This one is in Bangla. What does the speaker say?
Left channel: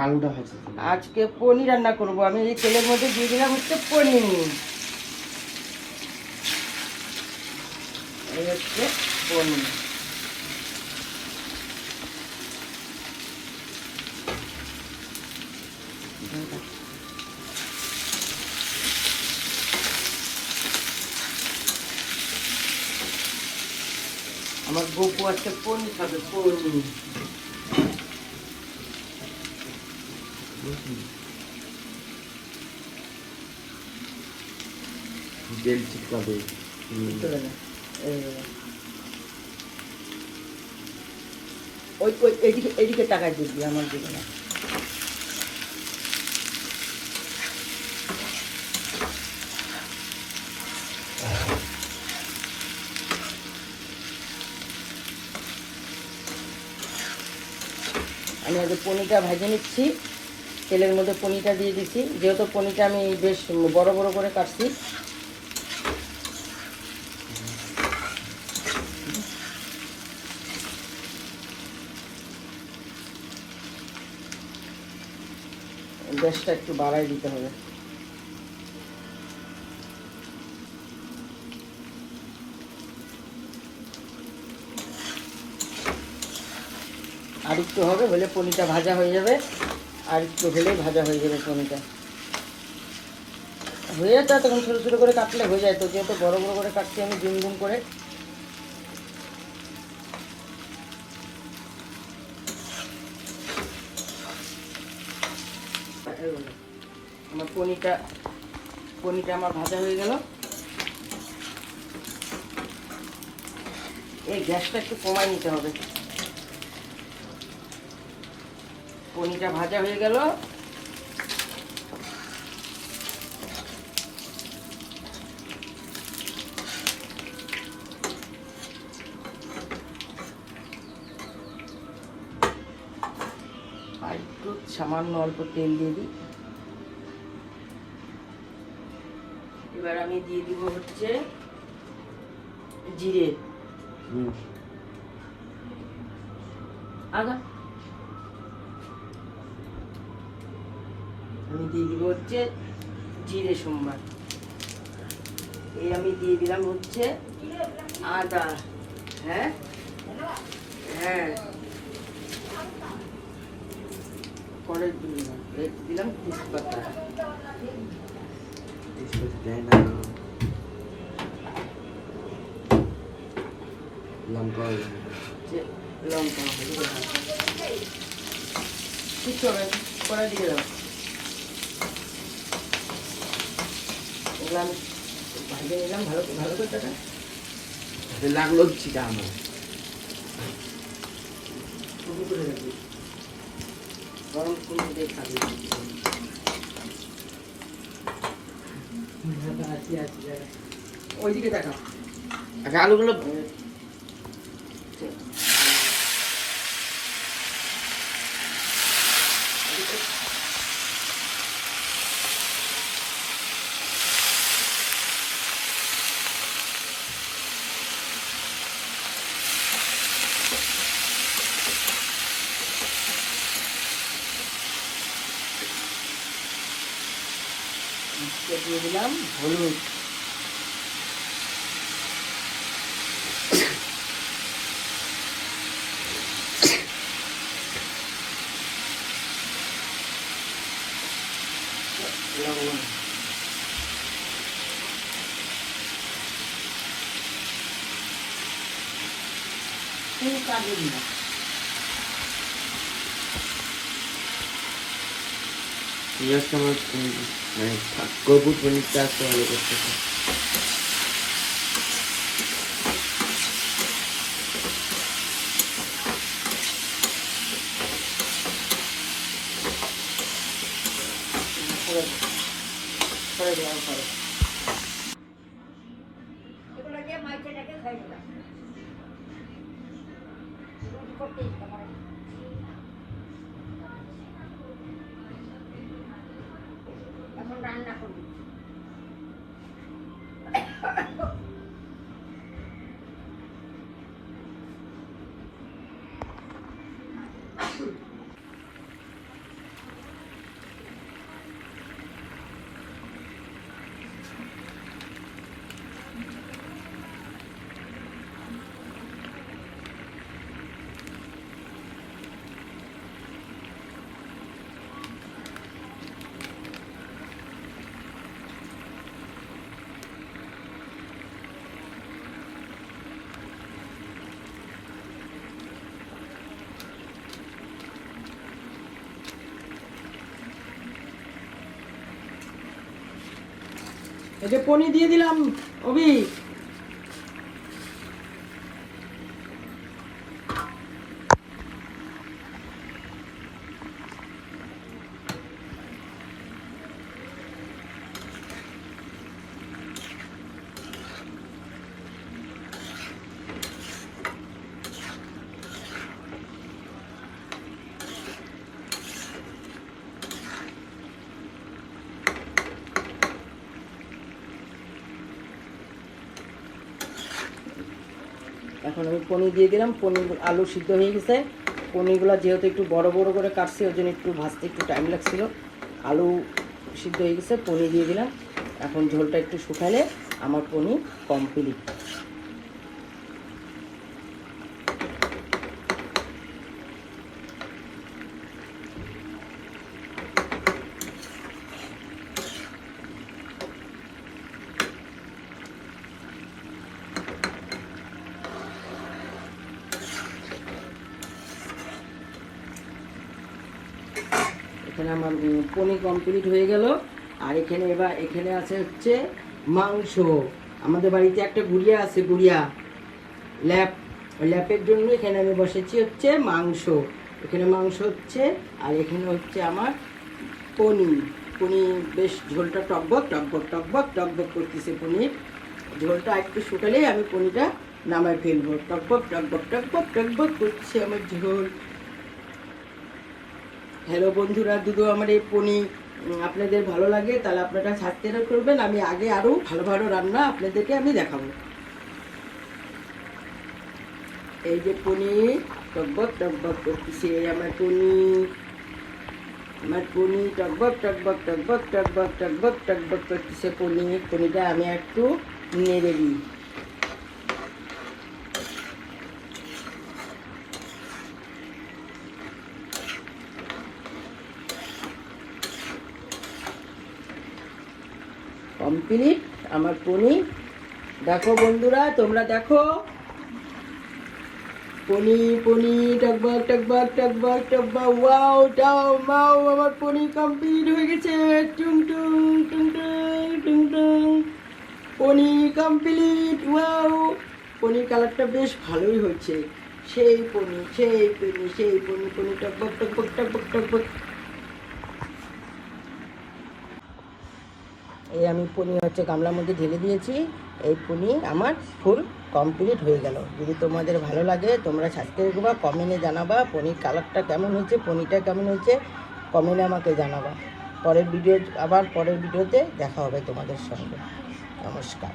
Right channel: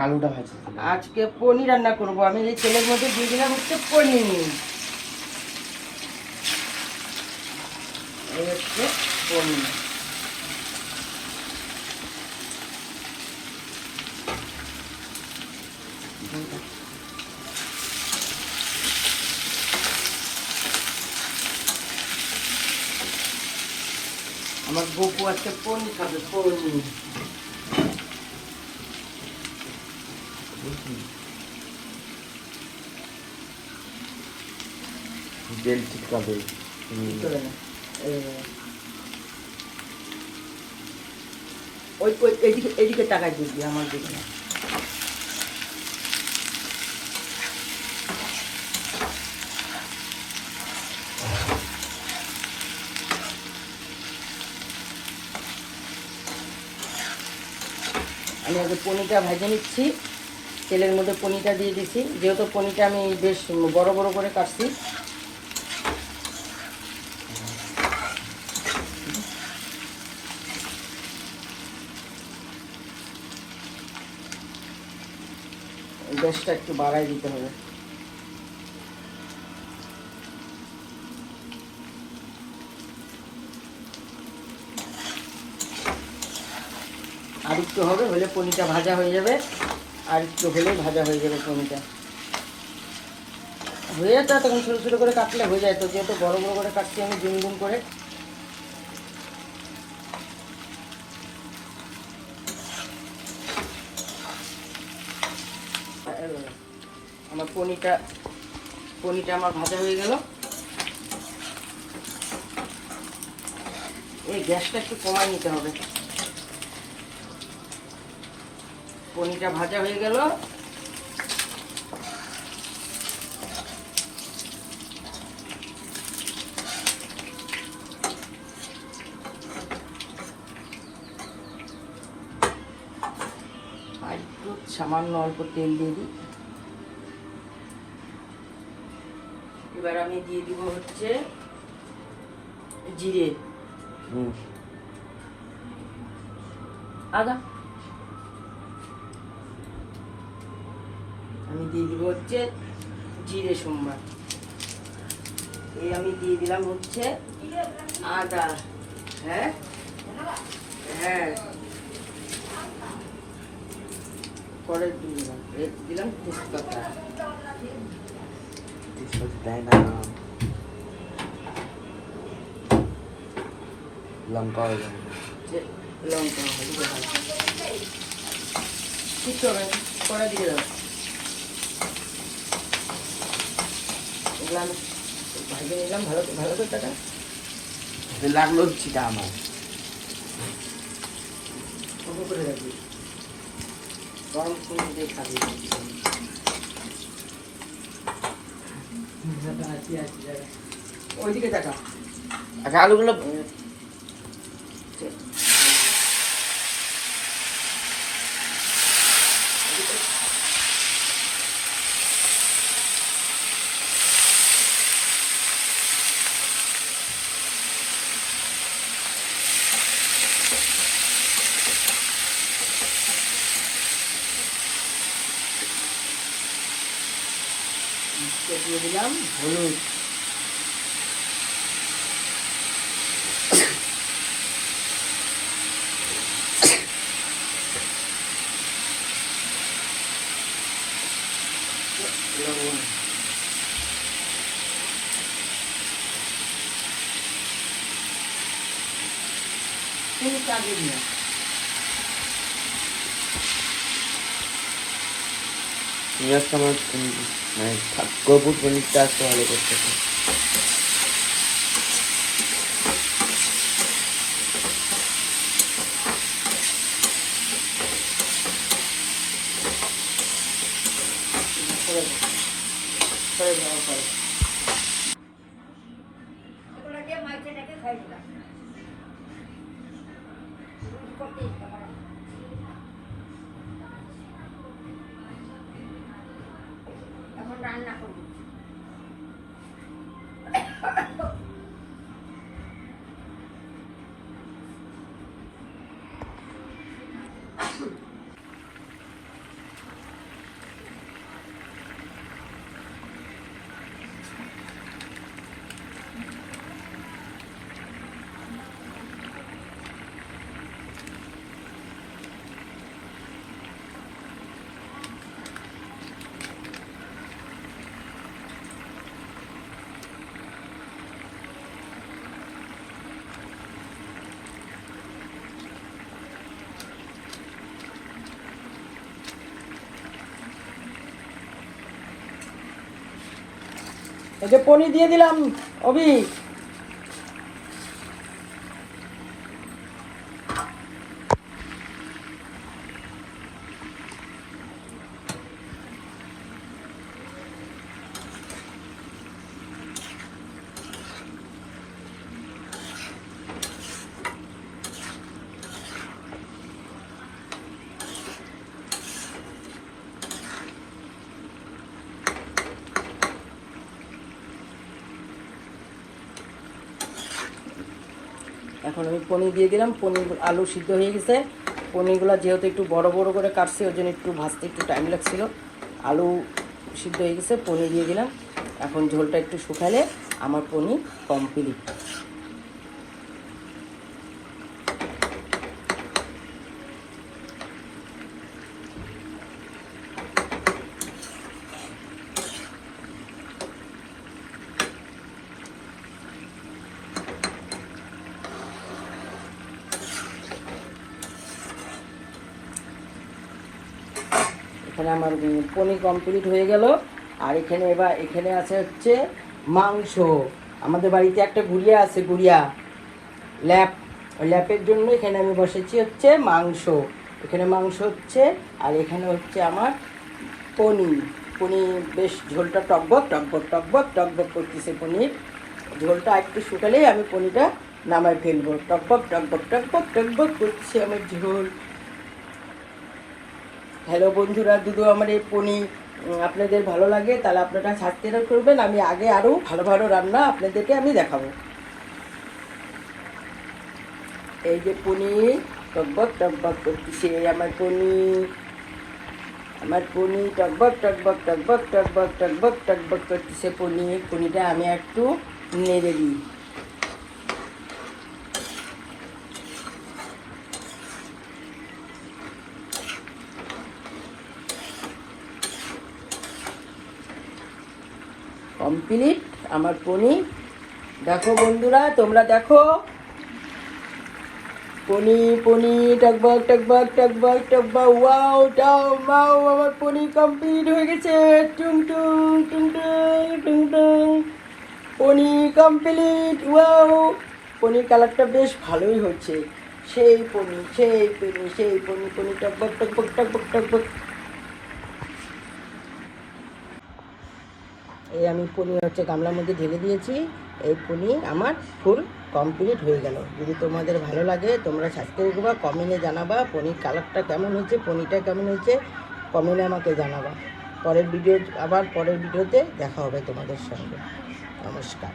আলুটা ভাজি। আজকে পনির রান্না করব আমি। এই তেলের মধ্যে দিয়ে দিলাম হচ্ছে পনির। এই হচ্ছে পনির। আমার গপু আজকে পনির খাবে, পনির। তেল ঠিক পাবে। ওই এদিকে এদিকে টাকায় দিবি আমার দিকে। আমি আগে পনিরটা ভেজে নিচ্ছি। তেলের মধ্যে পনিরটা দিয়ে দিচ্ছি, যেহেতু পনিরটা আমি বেশ বড় বড় করে কাটছি। গ্যাসটা একটু বাড়াই দিতে হবে। আর একটু হবে, হলে পনিরটা ভাজা হয়ে যাবে। আর একটু হলে ভাজা হয়ে যাবে পনিরটা। হয়ে যায় তখন ছোটো ছোটো করে কাটলে হয়ে যায়। তো যেহেতু বড় বড় করে কাটছি আমি গুন গুন করে। আমার পনিরটা আমার ভাজা হয়ে গেল। এই গ্যাসটা একটু কমায় নিতে হবে। পনিরটা ভাজা হয়ে গেল। আর একটু সামান্য অল্প তেল দিয়ে দিই। এবার আমি দিয়ে দিব হচ্ছে জিরে, আদা। আমি দিয়ে দিব হচ্ছে জিরে সোমবার। এই আমি দিয়ে দিলাম হচ্ছে আদা। হ্যাঁ হ্যাঁ, পরে দিলাম তেজপাতা। লঙ্কা লঙ্কা ঠিক হবে, পরে দিয়ে দাও। এগুলো আমি ভাজে নিলাম ভালো ভালো করে। টাকা লাগলো ছিটা আমার করে রাখবি, গরম দিয়ে খাবি। ওইদিকে দেখা। আচ্ছা আলুগুলো দিয়ে দিলাম হলুদ। কপুর পনিরটা একটু ভালো করতে হবে। রান্না করব। এই যে পনির দিয়ে দিলাম অভি। এখন আমি পনির দিয়ে দিলাম। পনির আলু সিদ্ধ হয়ে গেছে। পনিরগুলো যেহেতু একটু বড় বড় করে কাটছে ওই জন্য একটু ভাজতে একটু টাইম লাগছিল। আলু সিদ্ধ হয়ে গেছে, পনির দিয়ে দিলাম। এখন ঝোলটা একটু শুকালে আমার পনির কমপ্লিট। এখানে আমার পনির কমপ্লিট হয়ে গেল। আর এখানে এখানে আছে হচ্ছে মাংস। আমাদের বাড়িতে একটা গুড়িয়া আছে, গুড়িয়া ল্যাপ, ওই ল্যাপের জন্য এখানে আমি বসেছি হচ্ছে মাংস। এখানে মাংস হচ্ছে, আর এখানে হচ্ছে আমার পনির। পনির বেশ ঝোলটা টকবক টকবক টকবক টকবক করতেছে। পনির ঝোলটা একটু শুকালেই আমি পনিরটা নামাই ফেলবো। টকবক টকবক টকবক টকবক করছে আমার ঝোল। হ্যালো বন্ধুরা, যদি আমার এই পনির আপনাদের ভালো লাগে তাহলে আপনারা সাবস্ক্রাইব করবেন। আমি আগে আরও ভালো ভালো রান্না আপনাদেরকে আমি দেখাবো। এই যে পনির টকবক টকবক করতেছে আমার পনির। আমার পনির টকবক টকবক টকবক টকবক টকবক টকবক করতেছে পনির। পনিরটা আমি একটু নেড়ে দিই। কমপ্লিট আমার পনির। দেখো বন্ধুরা, তোমরা দেখো পনির পনির টকবক টকবক টকবক টকবক। ওয়াও টাও মাও, আমার পনির কমপ্লিট হয়ে গেছে। টুং টুং টুং টুং টুং টুং, পনির কমপ্লিট। ওয়াও, পনির কালারটা বেশ ভালোই হচ্ছে। সেই পনির সেই পনির সেই পনির, পনির টকবক টকবক টকবক টকবক। এই আমি পনির হচ্ছে গামলার মধ্যে ঢেলে দিয়েছি। এই পনির আমার ফুল কমপ্লিট হয়ে গেল। যদি তোমাদের ভালো লাগে তোমরা সাবস্ক্রাইব করবা, কমেন্টে জানাবা পনির কালারটা কেমন হয়েছে, পনিরটা কেমন হয়েছে কমেন্টে আমাকে জানাবা। পরের ভিডিওতে দেখা হবে তোমাদের সঙ্গে। নমস্কার।